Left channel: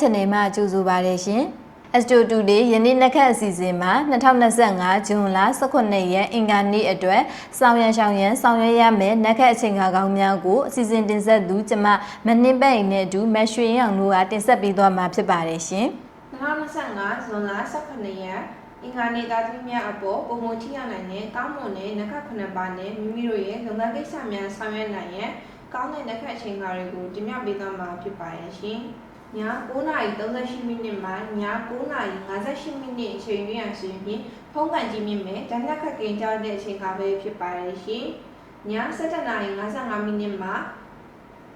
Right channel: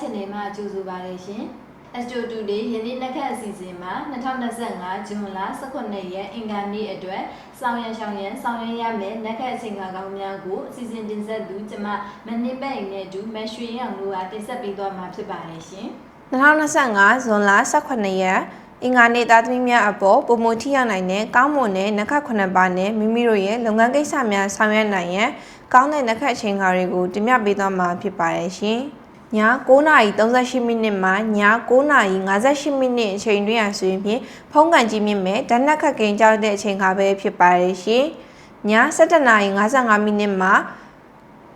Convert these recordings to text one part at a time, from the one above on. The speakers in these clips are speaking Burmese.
channel မှာကြိုဆိုပါရရှင်။ Astro Today ယနေ့နက်ခတ်အစီအစဉ်မှာ2025ဇွန်လ18ရက်အင်္ဂါနေ့အတွက်စောင်းရန်ရှောင်းရန်ဆောင်ရွက်ရမယ့်နက်ခတ်အချိန်အခါကောင်းများကိုအစီအစဉ်တင်ဆက်သူကျမမနှင်းပတ်အိမ်နဲ့အတူမရွှေရောင်တို့ကတင်ဆက်ပေးသွားမှာဖြစ်ပါတယ်ရှင်။2025ဇွန်လ18ရက် အင်္ဂါနေ့သားသမီးများအပေါ်ပုံမထိရောက်နိုင်တဲ့ကောင်းမွန်တဲ့နက္ခတ်9ပါးနဲ့မိမိတို့ရဲ့လုပ်ငန်းကိစ္စများဆောင်ရွက်နိုင်ရန်ကောင်းတဲ့နက္ခတ်အချိန်ခါတွေကိုတင်ပြပေးသွားမှာဖြစ်ပါတယ်ရှင်။ည9:38မိနစ်မှည9:58မိနစ်အချိန်တွင်းရဆိုရင်ဖြင့်ဖုံးကန်ကြီးမြင့်မဲ့ဓာတ်နက္ခတ်ကိန်းကြောက်တဲ့အချိန်ခါပဲဖြစ်ပါတယ်ရှင်။ည7:55မိနစ်မှ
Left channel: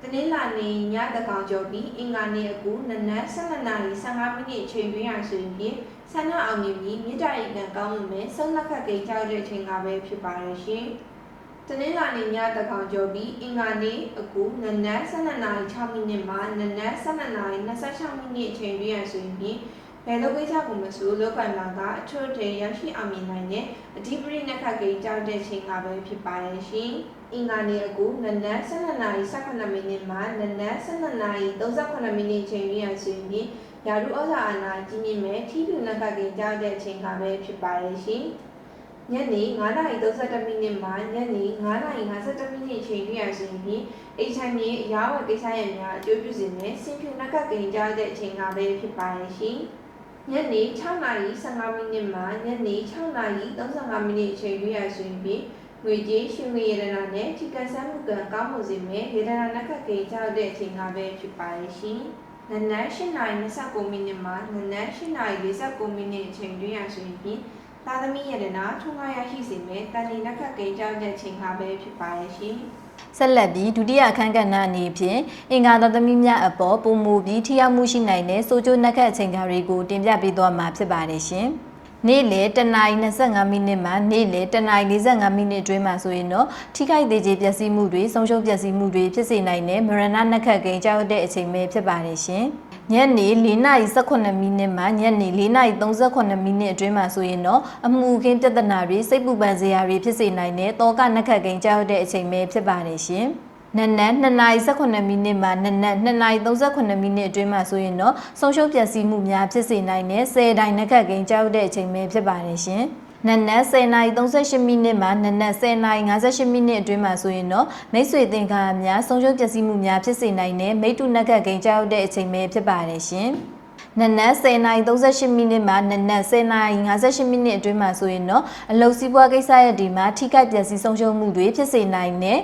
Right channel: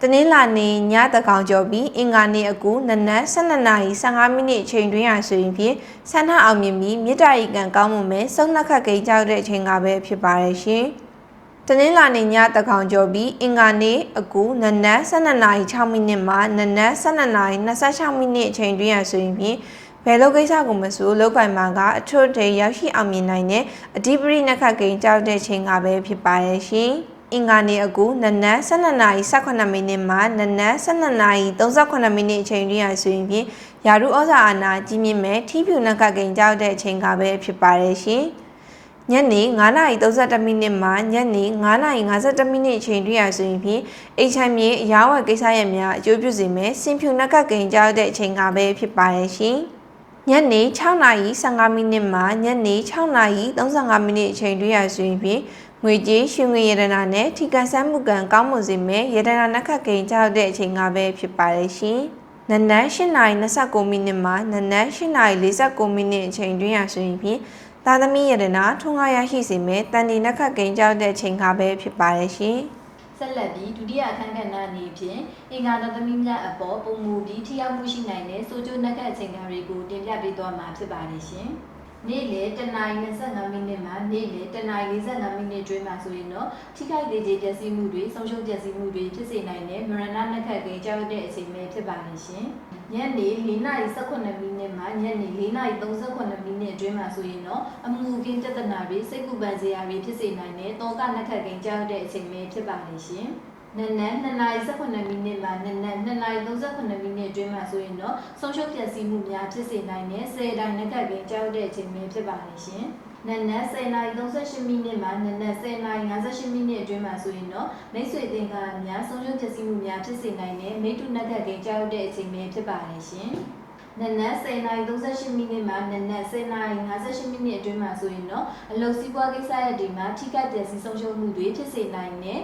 တနင်္လာနေ့ညတကောင်ကျော်ပြီးအင်္ဂါနေ့အကူနနက်12နာရီ15မိနစ်အချိန်တွင်းရဆိုရင်ဖြင့်ဆန္ဒအောင်မြင်ပြီးမြေတားရီကံကောင်းမှုမဲ့စုံနှက်ခတ်ကိန်းကြောက်တဲ့အချိန်ကပဲဖြစ်ပါရဲ့ရှင်။တနင်္လာနေ့ညတကောင်ကျော်ပြီးအင်္ဂါနေ့အကူနနက်12နာရီ6မိနစ်မှနနက်12နာရီ26မိနစ်အချိန်တွင်းရဆိုရင်ဖြင့်ဘယ်လိုကိစ္စကိုမဆိုလောက်ကင်မှာကအထွတ်တေရောက်ရှိအောင်မြင်နိုင်တဲ့အဓိပတိနက္ခတ်ကိန်းကြောက်တဲ့အချိန်ကပဲဖြစ်ပါရဲ့ရှင်။ အင်္ဂါနေ့အကူနနက်12နာရီ18မိနစ်မှနနက်12နာရီ38မိနစ်အချိန်တွင်းရဆိုရင်ဖြင့်ယာရုဩဇာအာဏာကြီးမြင့်မဲ့ထီးဖြူနက်ကကိန်ကြောက်တဲ့အချိန်ကပဲဖြစ်ပါတယ်ရှင်။ညနေ9နာရီ32မိနစ်မှညနေ9နာရီ52မိနစ်အချိန်တွင်းရဆိုရင်ဖြင့်အိတ်ချိုင်မြေအရာဝယ်ကိစ္စရပ်များအကျိုးပြုစေမဲ့စင်ဖြူနက်ကကိန်ကြောက်တဲ့အချိန်ကပဲဖြစ်ပါတယ်ရှင်။ညနေ6နာရီ15မိနစ်မှညနေ6နာရီ35မိနစ်အချိန်တွင်းရဆိုရင်ဖြင့် ငွေကြေးရှင်ငွေရတနာနဲ့ထိကန်ဆန်းမှုကံကောင်းမွန်စေမဲ့ရတနာနက္ခတ်ကိန်းကြောက်တဲ့အချိန်ကပဲဖြစ်ပါတယ်ရှင်။နနက်8နာရီ29မိနစ်မှနနက်8နာရီ49မိနစ်အချိန်တွင်းရဆိုရင်ဖြင့်သာသမီရတနာထွန်းကားရရှိစေမဲ့တန်ဒီနက္ခတ်ကိန်းကြောက်တဲ့အချိန်ကပဲဖြစ်ပါတယ်ရှင်။ဆက်လက်ပြီးဒုတိယအခန်းကဏ္ဍအနေဖြင့်အင်္ဂါတော်သမီးများအပေါ်ပုံမူပြီးထိရောက်မှုရှိနိုင်တဲ့စိုးကျိုးနက်ခတ်အချိန်ခါတွေကိုတင်ပြပေးသွားမှာဖြစ်ပါတယ်ရှင်။ နေ့လေတနာရီ25မိနစ်မှနေ့လေတနာရီ45မိနစ်အတွင်းမှာဆိုရင်တော့ထိခိုက်သေးခြင်းပျက်စီးမှုတွေဆုံးရှုံးပျက်စီးမှုတွေဖြစ်စေနိုင်တဲ့မရဏနက်ခတ်ကိန်းကြောက်တဲ့အချိန်ပဲဖြစ်ပါတယ်ရှင်။ညနေ4:18မိနစ်မှညနေ4:38မိနစ်အတွင်းမှာဆိုရင်တော့အမှုအခင်းပြဿနာတွေစိတ်ပူပန်စရာတွေဖြစ်စေနိုင်တဲ့တောကနက်ခတ်ကိန်းကြောက်တဲ့အချိန်ပဲဖြစ်ပါတယ်ရှင်။ နနက်2:18မိနစ်မှနနက်2:38မိနစ်အတွင်းမှာဆိုရင်တော့ဆုံးရှုံးပျက်စီးမှုများဖြစ်စေနိုင်တဲ့10တိုင်နက်ခတ်ကိန်းကြောက်တဲ့အချိန်ပဲဖြစ်ပါတယ်ရှင်။နနက်10:38မိနစ်မှနနက်10:58မိနစ်အတွင်းမှာဆိုရင်တော့မိတ်ဆွေသင်္ကားများဆုံးရှုံးပျက်စီးမှုများဖြစ်စေနိုင်တဲ့မိတ္တူနက်ခတ်ကိန်းကြောက်တဲ့အချိန်ပဲဖြစ်ပါတယ်ရှင်။ နနက်10:38မိနစ်မှနနက်10:58မိနစ်အတွင်းမှာဆိုရင်တော့အလုတ်စီးပွားကိစ္စရပ်ဒီမှာထိခိုက်ပျက်စီးဆုံးရှုံးမှုတွေဖြစ်စေနိုင်တဲ့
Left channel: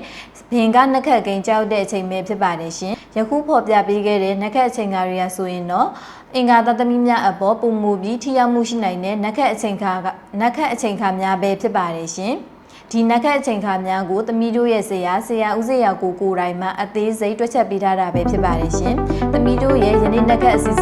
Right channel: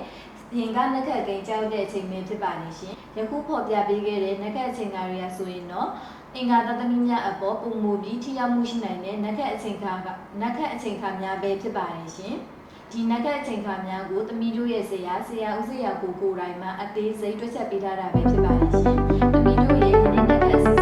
ဘင်ကနက်ခတ်ကိန်းကြောက်တဲ့အချိန်ပဲဖြစ်ပါတယ်ရှင်။ယခုဖော်ပြပေးခဲ့တဲ့နက်ခတ်အချိန်ကာတွေကဆိုရင်တော့အင်္ဂါသတ္တမီများအပေါ်ပုံမူပြီးထိရောက်မှုရှိနိုင်တဲ့နက်ခတ်အချိန်ခါကနက်ခတ်အချိန်ခါများပဲဖြစ်ပါတယ်ရှင်။ဒီနက်ခတ်အချိန်ခါများကိုသမီးတို့ရဲ့ဆရာဆရာဦးစေရကိုကိုယ်တိုင်မှအသေးစိတ်တွက်ချက်ပေးထားတာပဲဖြစ်ပါတယ်ရှင်။သမီးတို့ရဲ့ယနေ့နက်ခတ်အစီအစဉ်ကိုကြည့်ရှု